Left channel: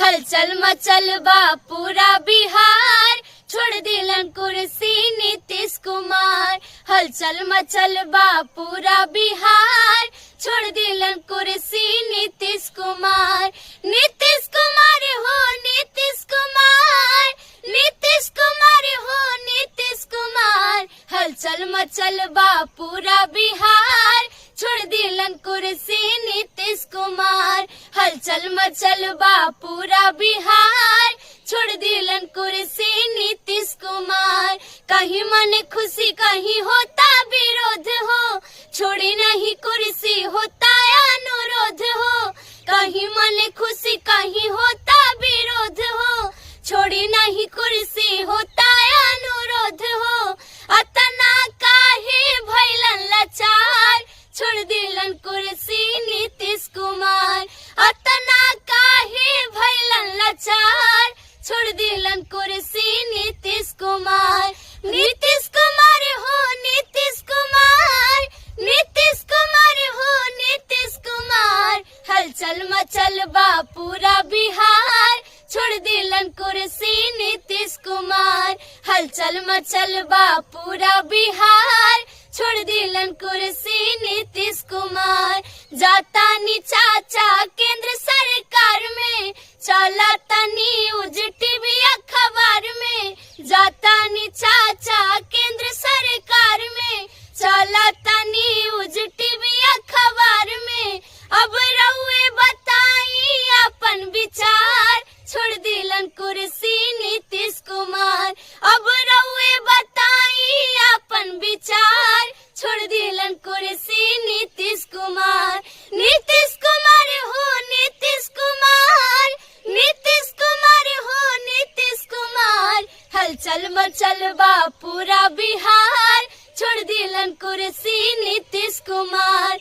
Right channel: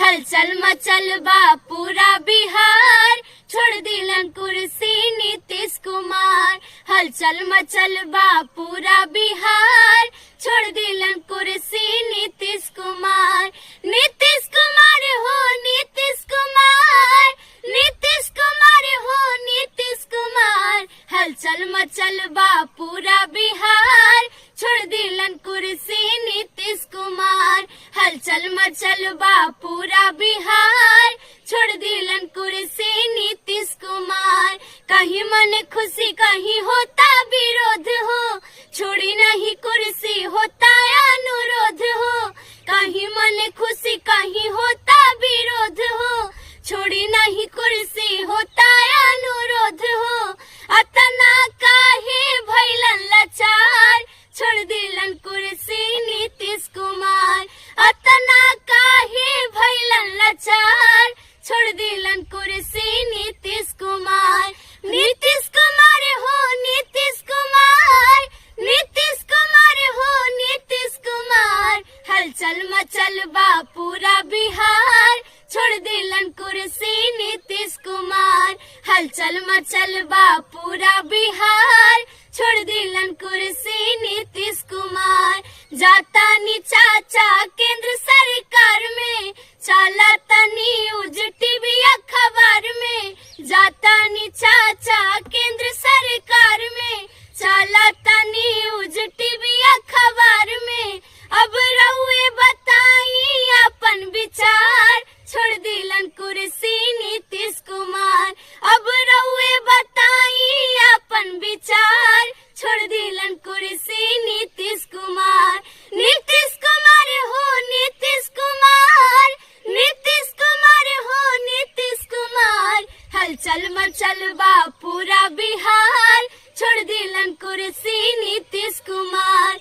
हलचल मचल बा पूरा बिहार, छोड़ दिलन कुर्सी नीतीश कुमार। हलचल मचल बा पूरा बिहार, छोड़ दिलन कुर्सी नीतीश कुमार। नीतीश कुमार हो नीतीश कुमार, नीतीश कुमार हो नीतीश कुमार। हलचल मचल बा पूरा बिहार, छोड़ दिलन कुर्सी नीतीश कुमार। हलचल मचल बा पूरा बिहार, छोड़ दिलन कुर्सी नीतीश कुमार। कहीं मन खुशी कहीं होता विरोध हो, छोड़ी नहीं कुर्सी होता अनुरोध हो। कहीं मन खुशी कहीं होता विरोध हो, छोड़ी नहीं कुर्सी होता अनुरोध हो। अतना काहे भइलन लाचार, छोड़ दिलन कुर्सी नीतीश कुमार। अतना काहे भइलन लाचार, छोड़ दिलन कुर्सी नीतीश कुमार। नीतीश कुमार हो नीतीश कुमार, नीतीश कुमार हो नीतीश कुमार। हलचल मचल बा पूरा बिहार, छोड़ दिलन कुर्सी नीतीश कुमार। हलचल मचल बा पूरा बिहार, छोड़ दिलन कुर्सी नीतीश कुमार। जाता नी चाचा केंद्र सरकार में, चला न्यूज टीवी अखबार में। जाता नी चाचा केंद्र सरकार में, चला न्यूज टीवी अखबार में। अब रउए बताई अपन विचार, छोड़ दिलन कुर्सी नीतीश कुमार। अब रउए बताई अपन विचार, छोड़ दिलन कुर्सी नीतीश कुमार। नीतीश कुमार हो नीतीश कुमार, नीतीश कुमार हो नीतीश कुमार। हलचल मचल बा पूरा बिहार, छोड़ दिलन कुर्सी नीतीश कुमार।